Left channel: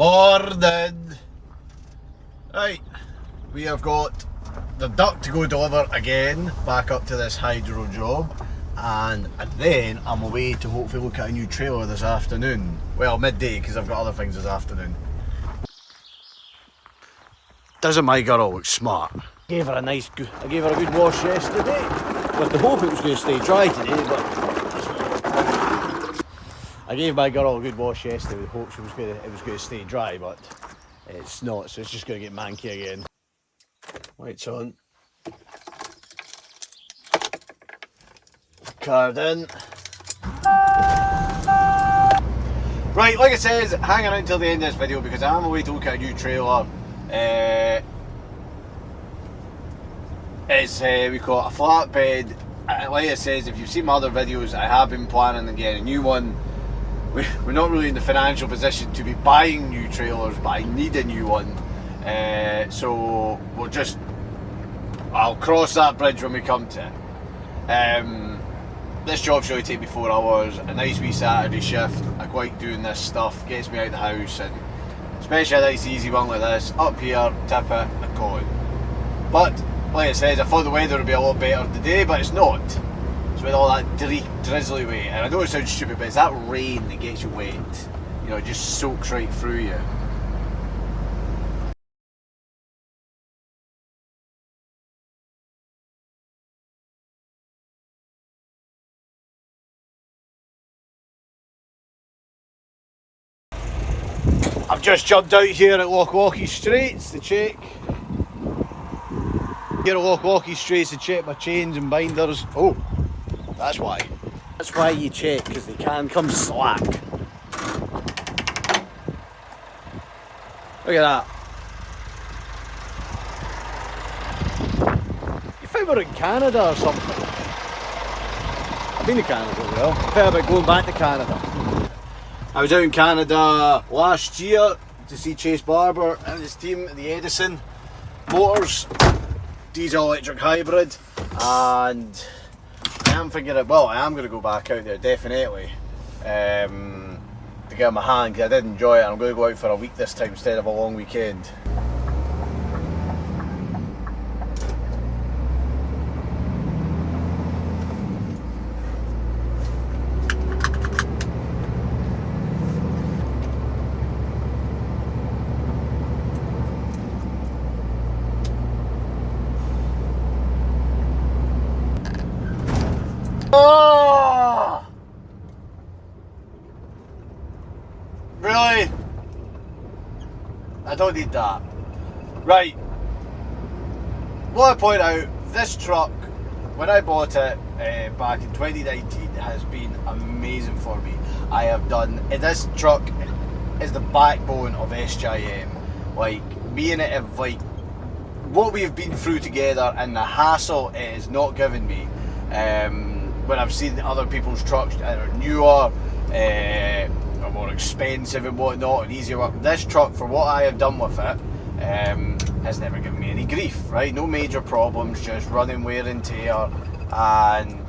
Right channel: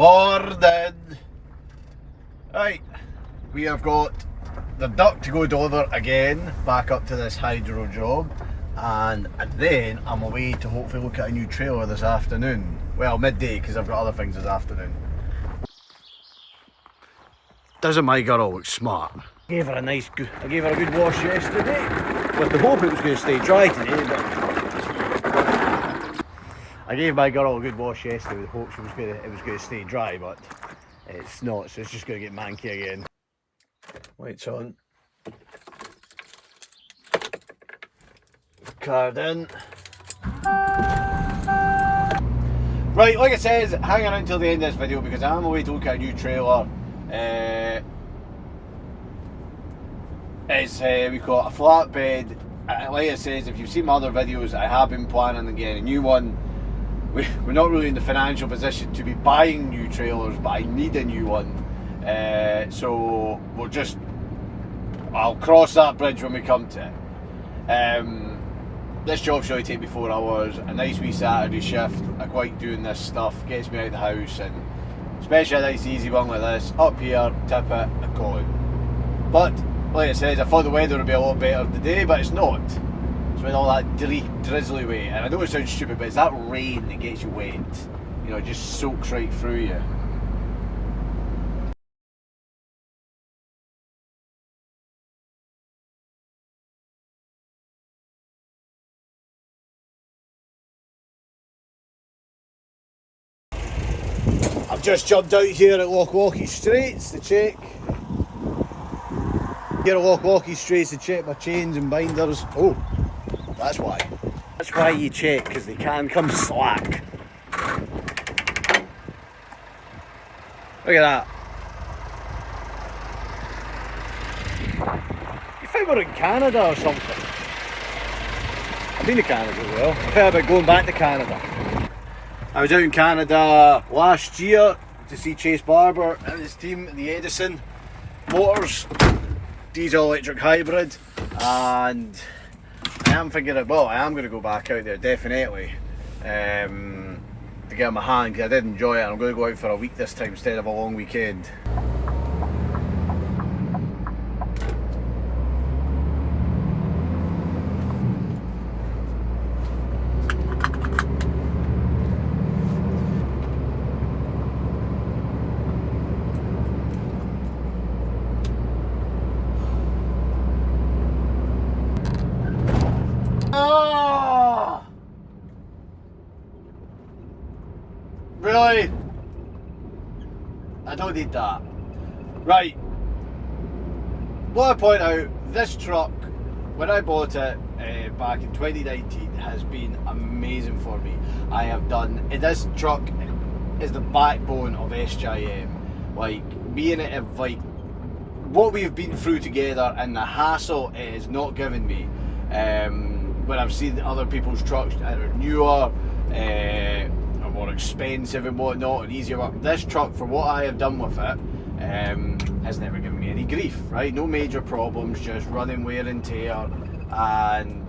Morning! Right, we have got the duck to go deliver again, back up to this hydro job, and then I'm away to hopefully look at a new trailer this afternoon. Well, midday, because I've got other things this afternoon. Doesn't my girl look smart? I gave her a good wash yesterday, with the hope it was going to stay dry today, but I gave my girl a good wash yesterday with the hope it was going to stay dry, but it's not, so it's just going to get manky again. Lights on. Card in. Right, like I said, hang around until the end of this video because I'm away to look at a new trailer. We've got a flatbed. Like I said, if you've seen my other videos, I have been planning on getting a new one. We're not really in the financial position to be buying new trailers, but I need a new one. So I'll cross that bridge when we come to it. This job should only take me 4 hours, a nice wee Saturday shift. I quite doing this stuff, gets me out of the house, and especially a nice easy one like this, up here, tip it, and go. But like I said, I thought the weather would be a lot better today, but it's not. It's with all that drizzly way, and I know it sounds stupid, but it's that rain that gets you wet. You know, it just soaks right through you. I've just jumped out here at Lochwalkie Straits to check. Here at Lochwalkie Straits to check my chains and binders. Oh, that's why. That's why you check, because they can come slack. Look at that. You think we're in Canada or something? I've been to Canada as well. I thought about going back to Canada. I was out in Canada last year to see Chase Barber and his team at the Edison Motors diesel electric hybrid, and I am thinking I am going to go back out there definitely to get my hand, because I did enjoy it, and I'm going to go out for a week this time instead of a long weekend. Oh! Really? I don't need that. Right. What I point out, this truck, when I bought it back in 2019, has been amazing for me. I have done, this truck is the backbone of SJM. Like, me and it have, like, what we've been through together and the hassle it has not given me. When I've seen other people's trucks that are newer, or more expensive and whatnot, and easier work. This truck, for what I have done with it, has never given me any grief, right? No major problems, just running wear and tear. And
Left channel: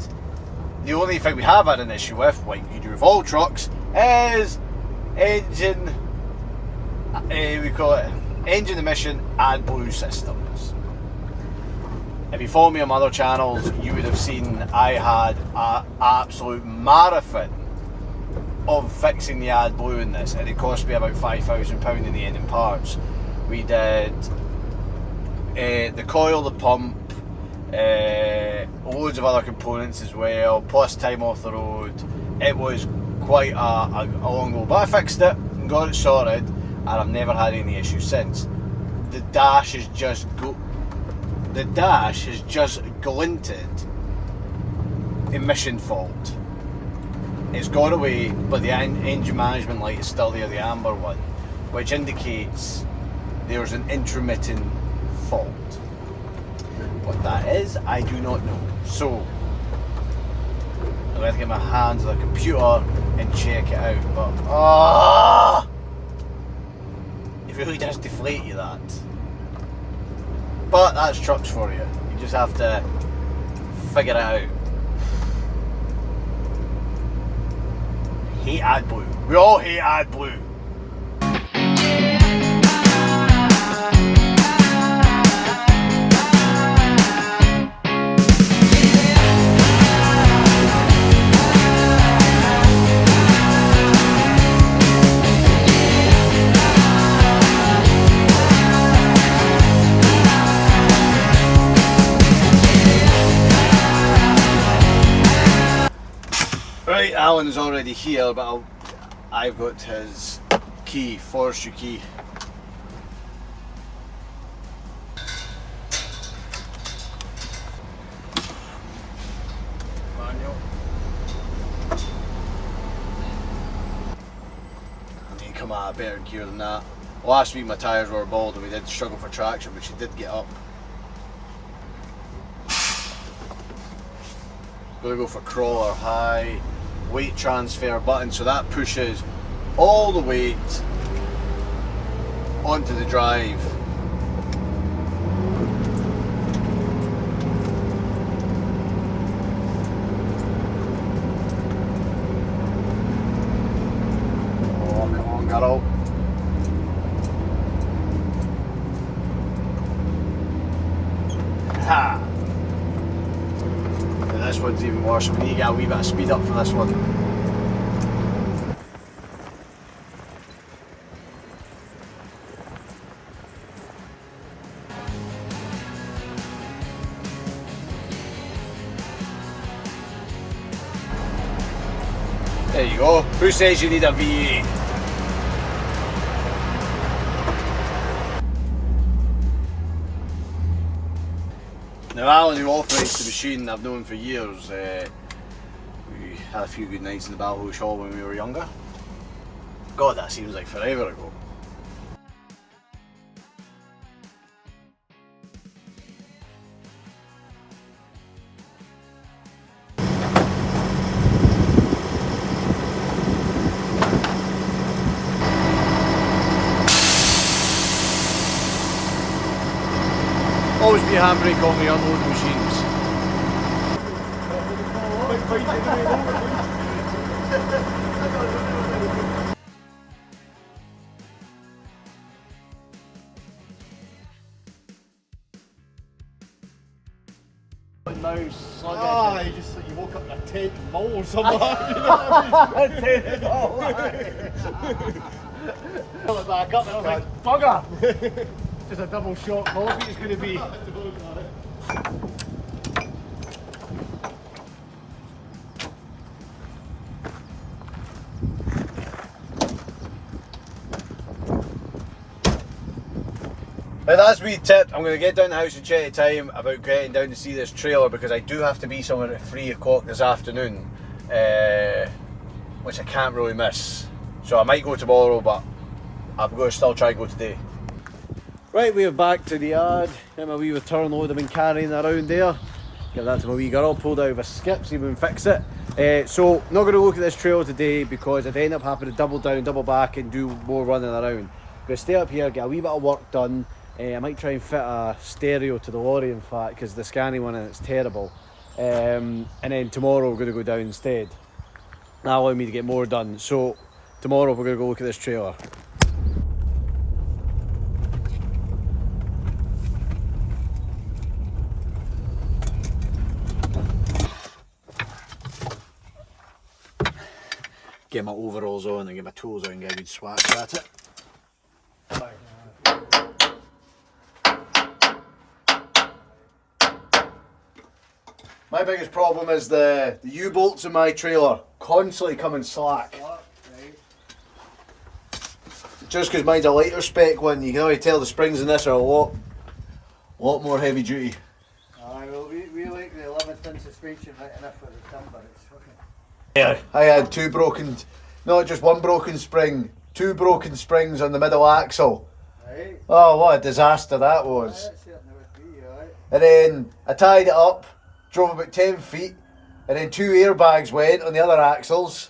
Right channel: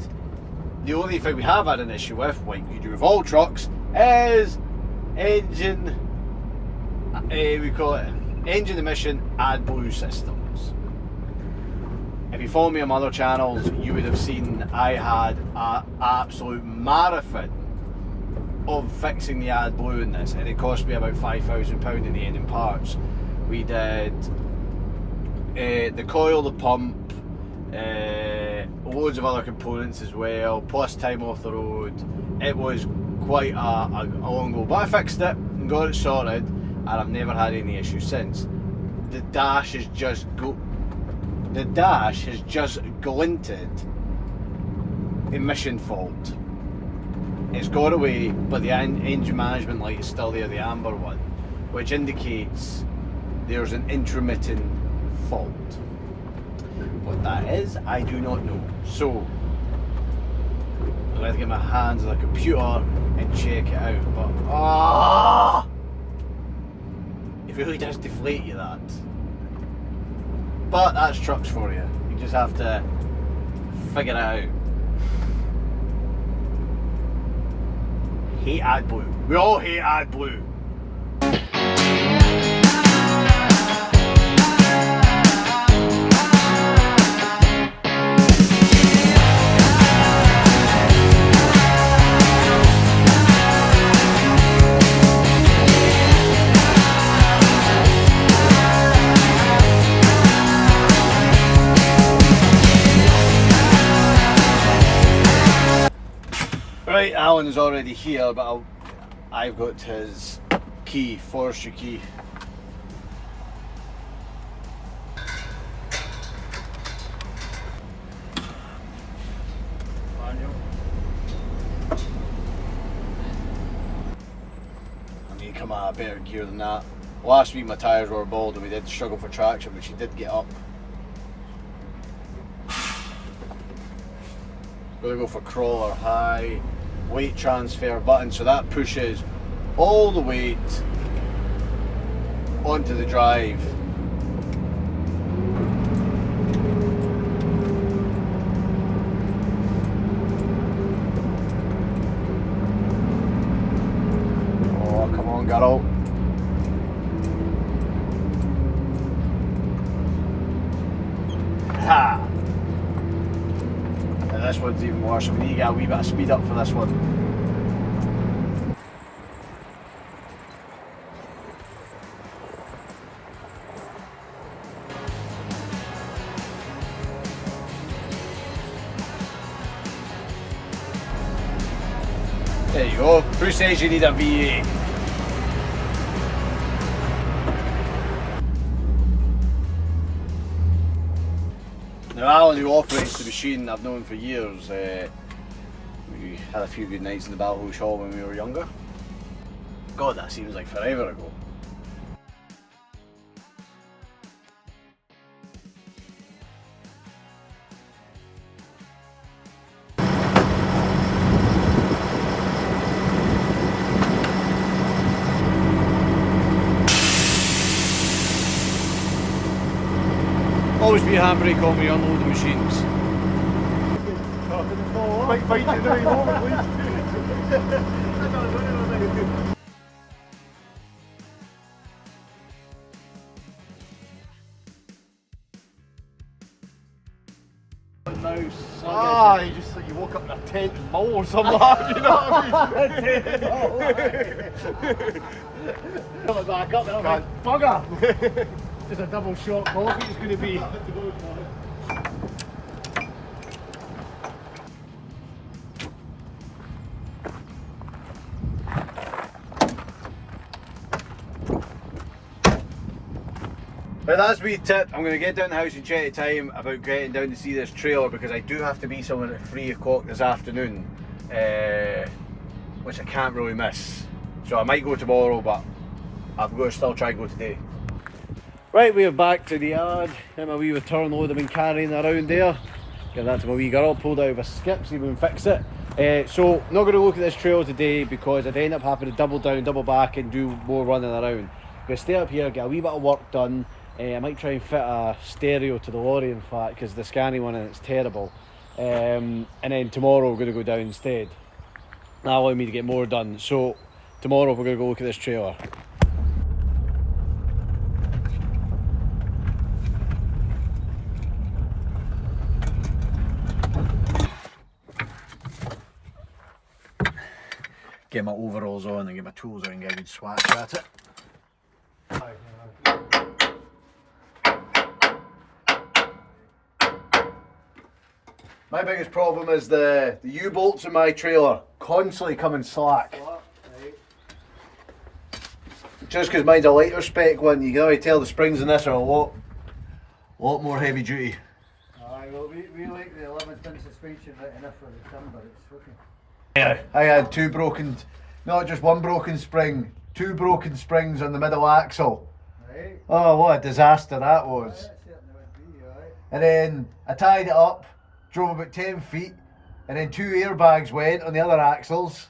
the only thing we have had an issue with, like you do with all trucks, is engine, we call it engine emission AdBlue systems. If you follow me on my other channels, you would have seen I had an absolute marathon of fixing the AdBlue in this, and it cost me about £5,000 in the end in parts. We did the coil, the pump, loads of other components as well, plus time off the road. It was quite a long go, but I fixed it and got it sorted, and I've never had any issues since. The dash has just glinted emission fault. It's gone away, but the engine management light is still there, the amber one, which indicates there's an intermittent fault. What that is, I do not know. So I'm going to get my hands on the computer and check it out. But it really does deflate you, that. But that's trucks for you. You just have to figure it out. Hate AdBlue. We all hate AdBlue. Right, Alan is already here, but I've got his key, forestry key. I need to come out of better gear than that. Last week my tyres were bald and we did struggle for traction, but she did get up. Gonna go for crawler high, weight transfer button, so that pushes all the weight onto the drive. Oh, come on, girl. Ha! And this one's even worse. We need to get a wee bit of speed up for this one. There you go. Who says you need a V8? Now Alan, who operates the machine, I've known for years. We had a few good nights in the Balhosh Hall when we were younger. God, that seems like forever ago. Always be a handbrake on when you unload the machines. You woke up in a tent in Mull or something like that, you know what I mean? Tent in Mull, coming back up and I'm like, bugger! Just a double shot coffee it's going to be. But that's me tip. I'm going to get down the house and check the time about getting down to see this trailer because I do have to be somewhere at 3 o'clock this afternoon, which I can't really miss. So I might go tomorrow, but I'm going to still try and go today. Right, we are back to the yard. Get my wee return load I've been carrying around there. Give that to my wee girl, pulled out of a skip, see if we can fix it. So, not going to look at this trailer today because I'd end up having to double down, double back and do more running around. I'm going to stay up here, get a wee bit of work done. I might try and fit a stereo to the lorry in fact because the scanning one and it's terrible. And then tomorrow we're going to go down instead. That'll allow me to get more done. So, tomorrow we're going to go look at this trailer. Get my overalls on and get my tools out and get a good swatch at it. My biggest problem is the U-bolts in my trailer constantly coming slack. Just because mine's a lighter spec one, you can already tell the springs in this are a lot more heavy duty. Well, we like the 11-ton suspension right enough for the timber, it's okay. Yeah, I had two broken, not just one broken spring, two broken springs on the middle axle. Right. Oh, what a disaster that was. That certainly would be, right. And then I tied it up, drove about 10 feet, and then two airbags went on the other axles.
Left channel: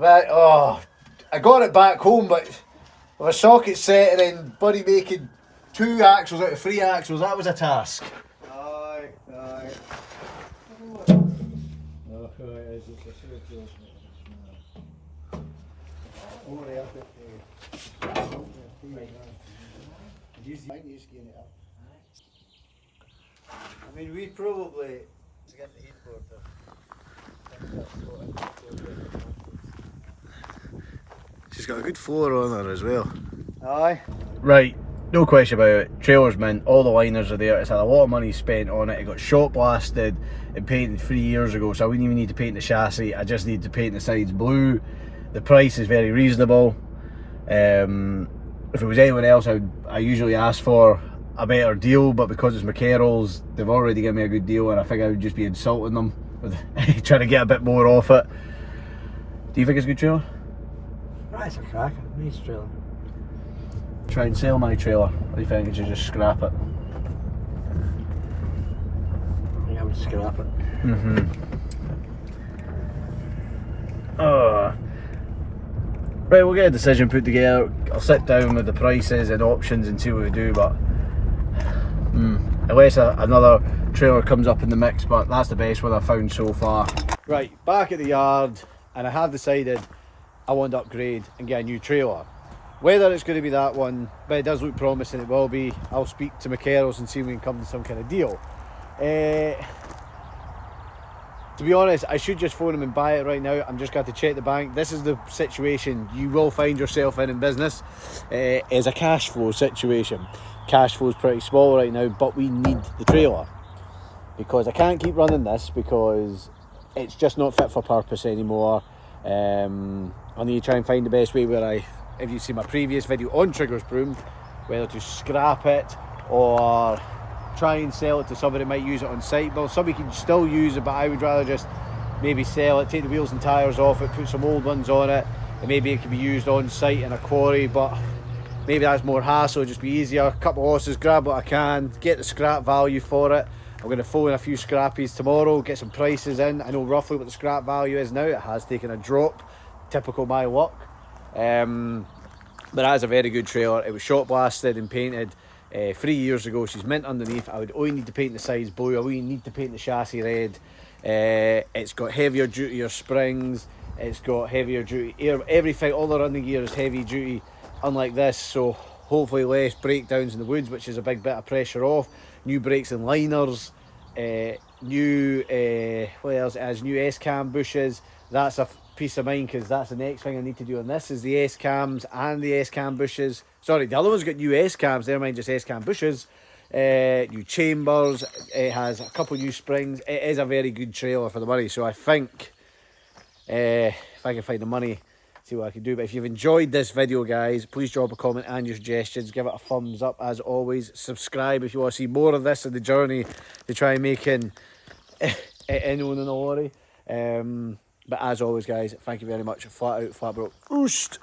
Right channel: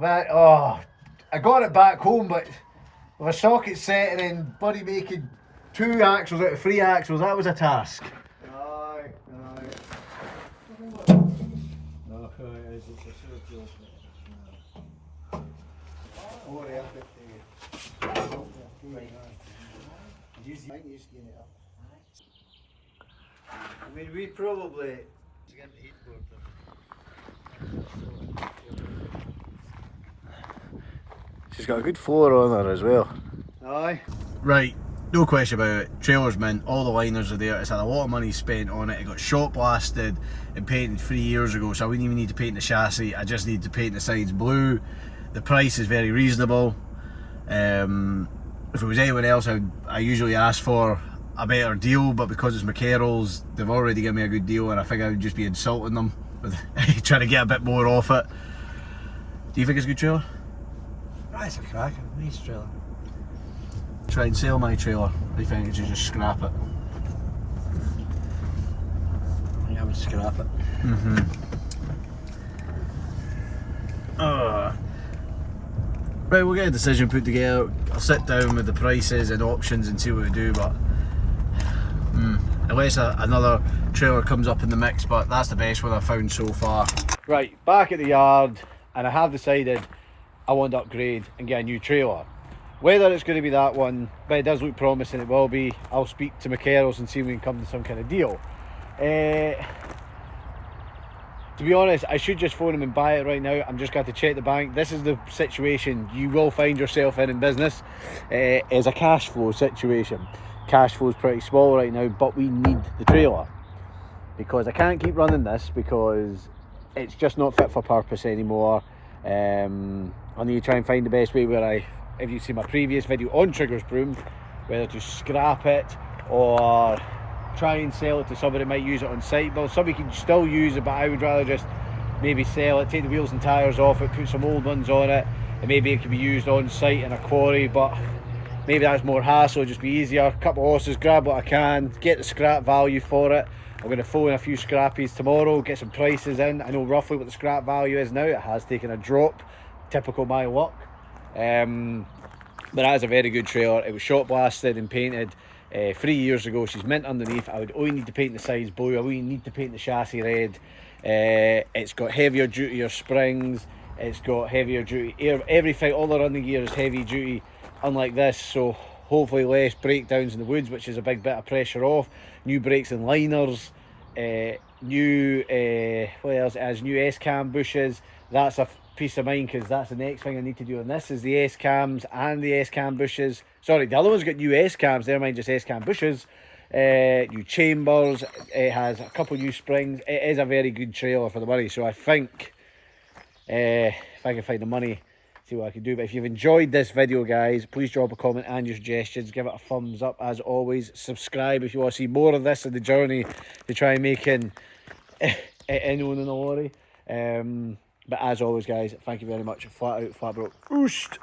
I got it back home, but with a socket set and then buddy making two axles out of three axles, that was a task. Aye. No, it is. It's a sure job. Don't worry, I'll get the... You just get it up. I mean, we probably... She's got a good floor on her as well. Aye. Right, no question about it, trailer's mint, all the liners are there, it's had a lot of money spent on it, it got shot blasted and painted 3 years ago, so I wouldn't even need to paint the chassis, I just need to paint the sides blue. The price is very reasonable. If it was anyone else, I usually ask for a better deal, but because it's McCarroll's, they've already given me a good deal, and I think I would just be insulting them with trying to get a bit more off it. Do you think it's a good trailer? It's a cracker, nice trailer. Try and sell my trailer, or do you think I should just scrap it? I would scrap it. Right, we'll get a decision put together. I'll sit down with the prices and options and see what we do, but unless another trailer comes up in the mix, but that's the best one I've found so far. Right, back at the yard, and I have decided I want to upgrade and get a new trailer. Whether it's going to be that one, but it does look promising it will be. I'll speak to McCarroll's and see if we can come to some kind of deal. To be honest, I should just phone him and buy it right now. I'm just going to check the bank. This is the situation you will find yourself in business. It's a cash flow situation. Cash flow is pretty small right now, but we need the trailer. Because I can't keep running this because it's just not fit for purpose anymore. I need to try and find the best way where if you see my previous video on Triggers Broom, whether to scrap it or try and sell it to somebody that might use it on site. Well, somebody can still use it, but I would rather just maybe sell it, take the wheels and tyres off it, put some old ones on it, and maybe it can be used on site in a quarry, but maybe that's more hassle, just be easier. A couple of horses, grab what I can, get the scrap value for it. I'm going to phone a few scrappies tomorrow, get some prices in. I know roughly what the scrap value is now. It has taken a drop, typical my luck. But that is a very good trailer. It was shot blasted and painted 3 years ago. She's mint underneath. I would only need to paint the sides blue. I only need to paint the chassis red. It's got heavier duty springs. It's got heavier duty air. Everything, all the running gear is heavy duty, unlike this. So hopefully less breakdowns in the woods, which is a big bit of pressure off. New brakes and liners. New what else? It has new S-cam bushes. That's a peace of mind because that's the next thing I need to do on this is the S-cams and the S-cam bushes. Sorry, the other one's got new S-cams, never mind just S-cam bushes. New chambers, it has a couple new springs. It is a very good trailer for the money, so I think if I can find the money, see what I can do. But if you've enjoyed this video, guys, please drop a comment and your suggestions, give it a thumbs up as always, subscribe if you want to see more of this in the journey to try and make it in on a lorry. But as always, guys, thank you very much. Flat out, flat broke. Oost.